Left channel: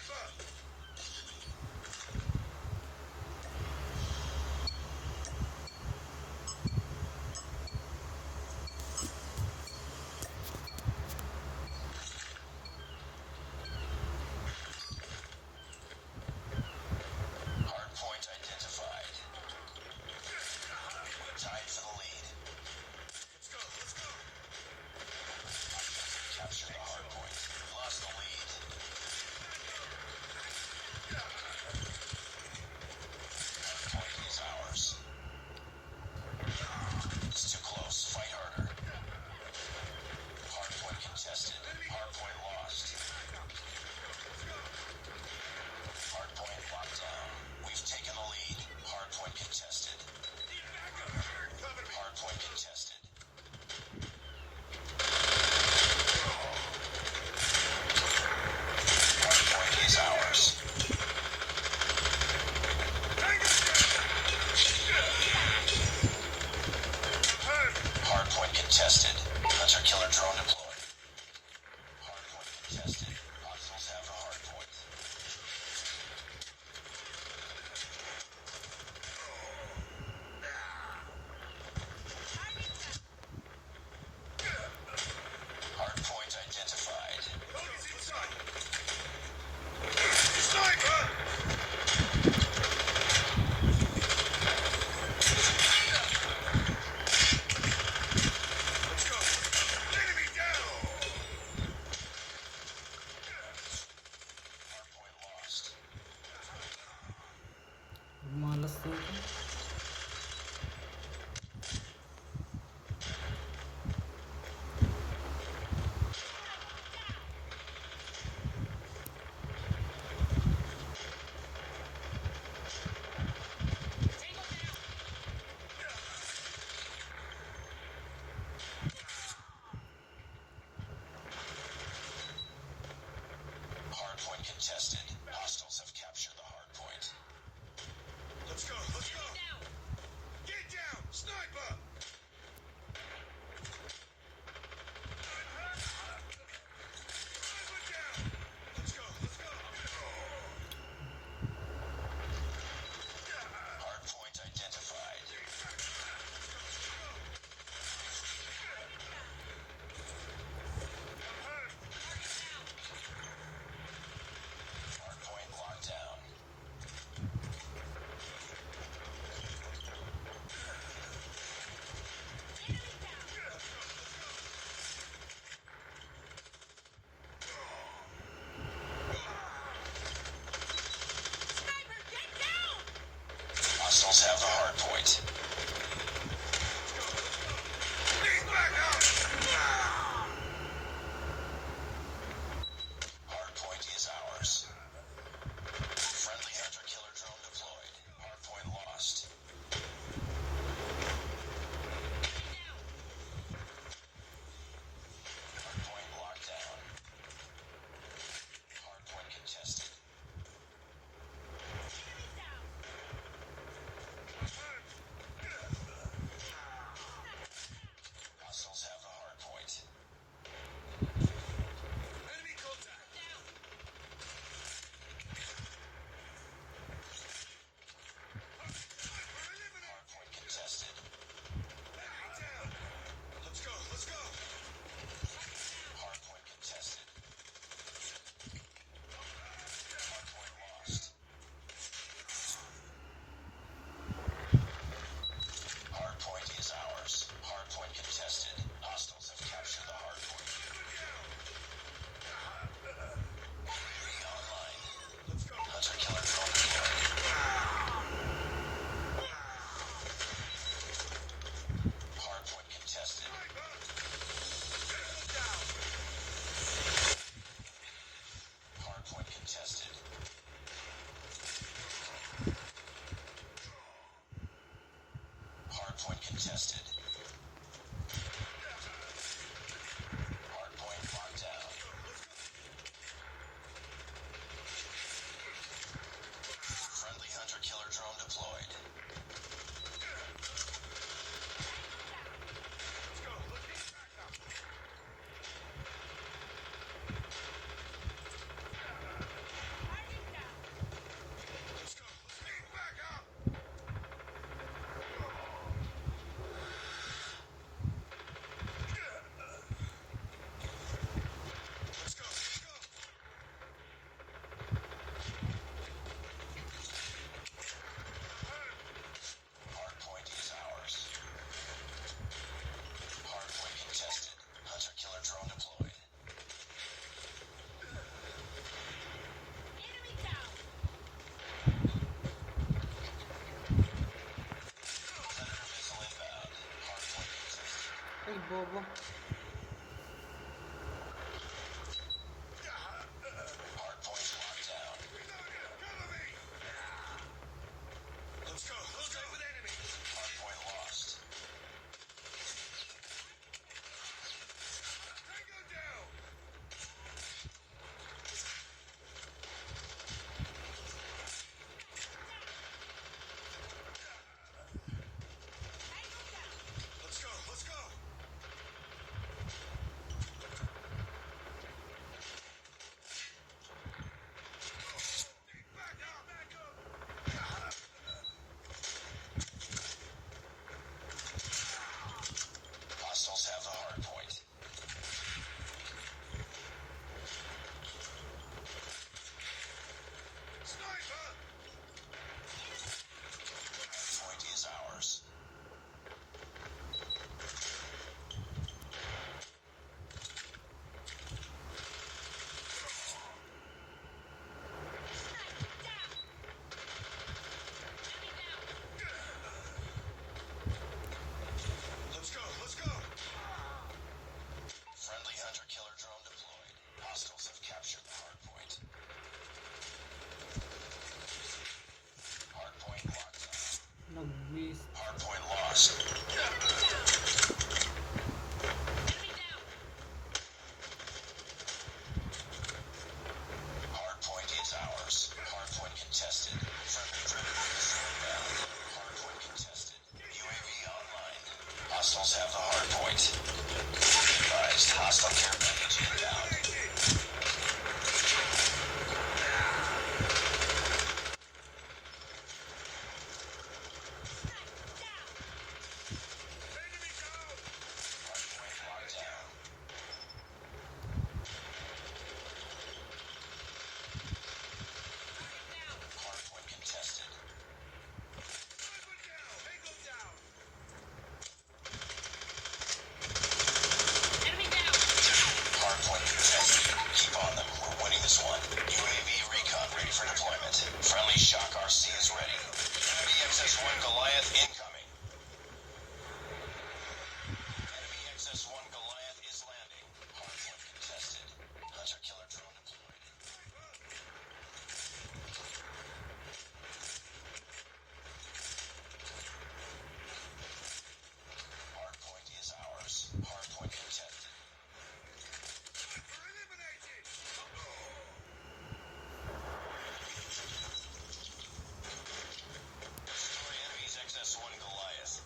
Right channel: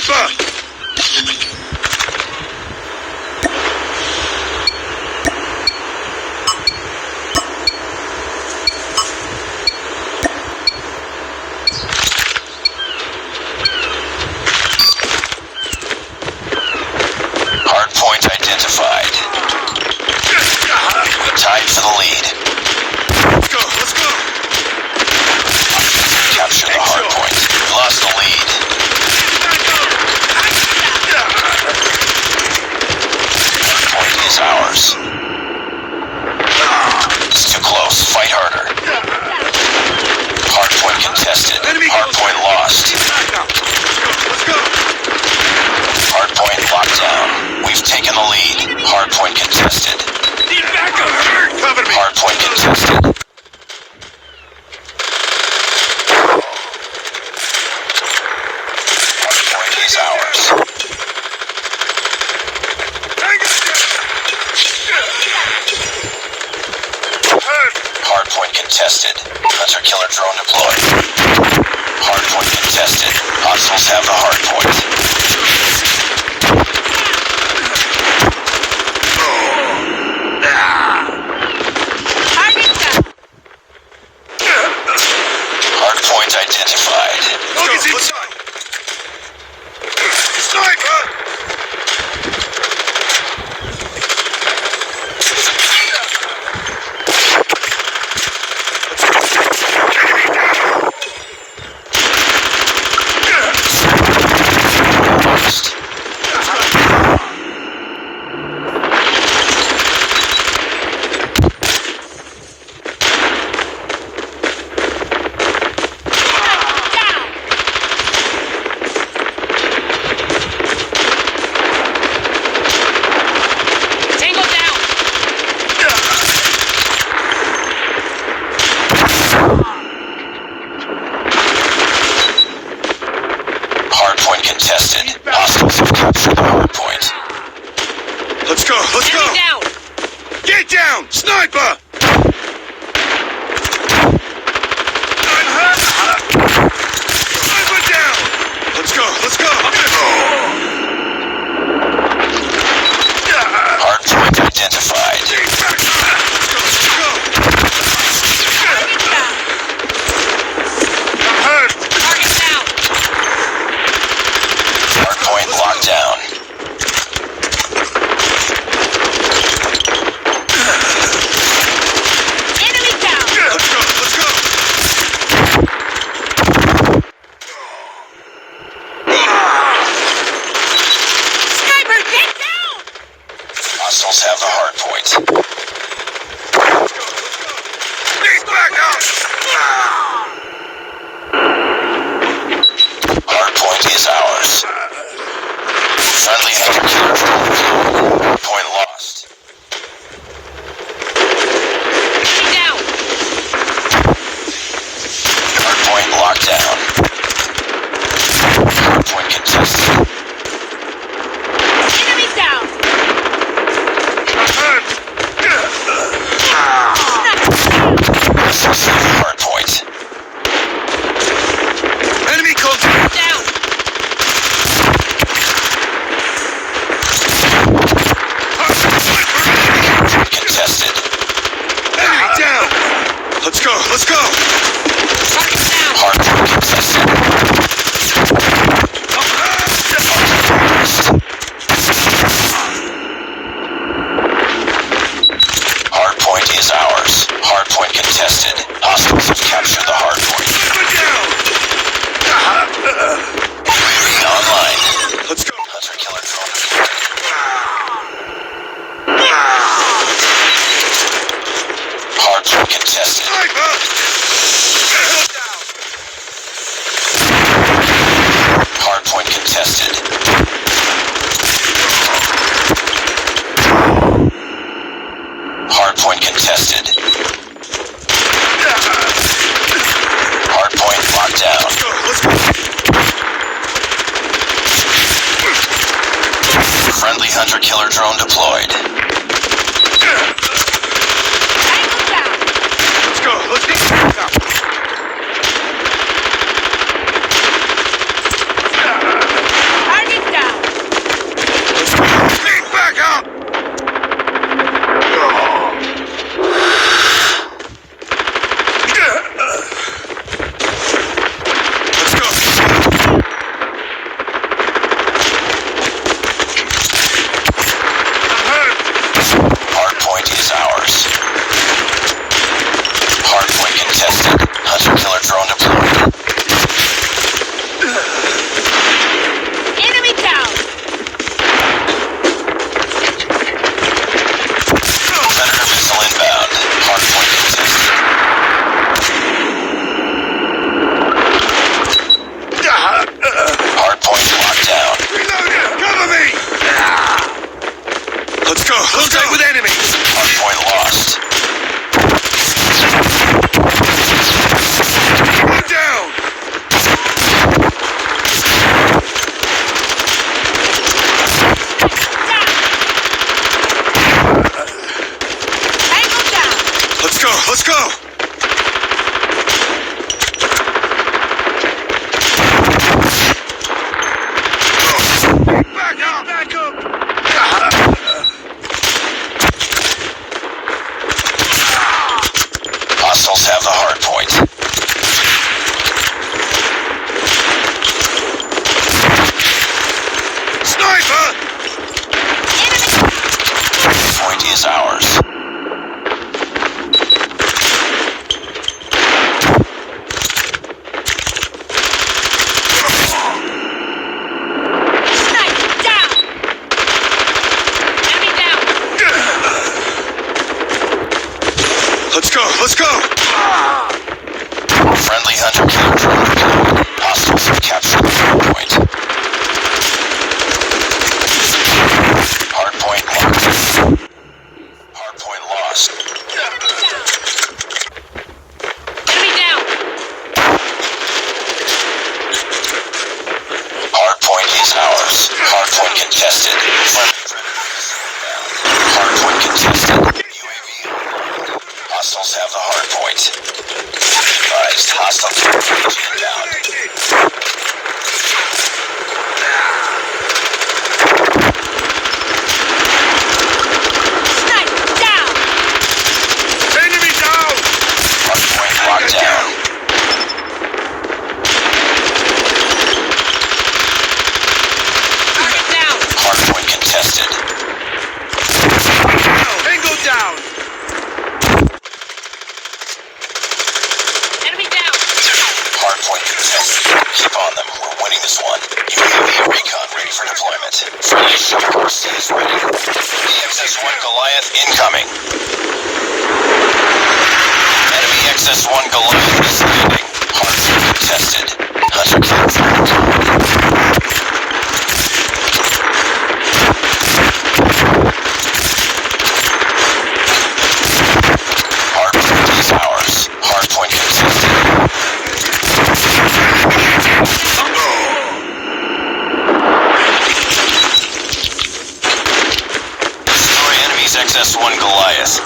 Sniper! Hardpoint identified. Tied for the lead. Let's go, let's go! Capture the hardpoint. We lost the lead. Hardpoint is ours. It's too close. Fight harder. Hardpoint contested. Hardpoint lost. Let's go! Hardpoint locked down. We've taken the lead. Hardpoint contested. Need backup! Cover me! Hardpoint contested. Hardpoint is ours. Hardpoint contested. Hunter-killer drone deployed. Hardpoint contested. Hostiles have the hardpoint. Hardpoint identified. Focus inside! Sniper! Lost. Tango down! Hardpoint contested. Hostiles have captured the hardpoint. Let's go, let's go! Enemy down! Get down! Sniper! Sniper down! Let's go, let's go! Hardpoint identified. Let's go! I'm hurt! Target down! Hardpoint locked down. Enemy down! Let's go, let's go! Sniper, get down! Hostiles have the hardpoint. He's back out! Hardpoint is ours. Friendly hunter-killer drone deployed. Hardpoint lost. Enemy down! Hardpoint locked down. Hardpoint contested. Enemy down! I'm hurt! Hostiles have the hardpoint. Enemy contact! Down! Hardpoint contested. Enemy down! Let's go, let's go! Target down! Hardpoint contested. Hardpoint is ours. Hardpoint contested. Hostiles have captured the hardpoint. UAV online. Let's go! Hunter-killer drone deployed. Hardpoint contested. Sniper! Hardpoint contested. Hardpoint contested. Hardpoint locked down. Let's go! Friendly hunter-killer drone deployed. Tango down! Let's go! Let's go! is ours. Sniper down. Enemy down. Let's go. Let's go. Friendly hunter killer drone deployed. Hostiles have captured the hardpoint. Hardpoint marked. Hardpoint lost. Enemy down. Hardpoint is ours. Hardpoint contested. Hardpoint contested. UAV online. Hostiles have the hardpoint. Advised, hostiles are inbound. Sniper down. Enemy down. Hardpoint locked down. Target down. Hardpoint contested. Tango down. Enemy down. Hardpoint contested. Keep on them. We're winning this one. UAV recon ready for deployment. Friendly Shock RC is ready. XS-1 Goliath incoming. Enemy XS-1 Goliath is landing. Hardpoint contested. Hunter killer Hardpoint is ours. Hardpoint contested. Destroy enemy's XS-1 Goliath.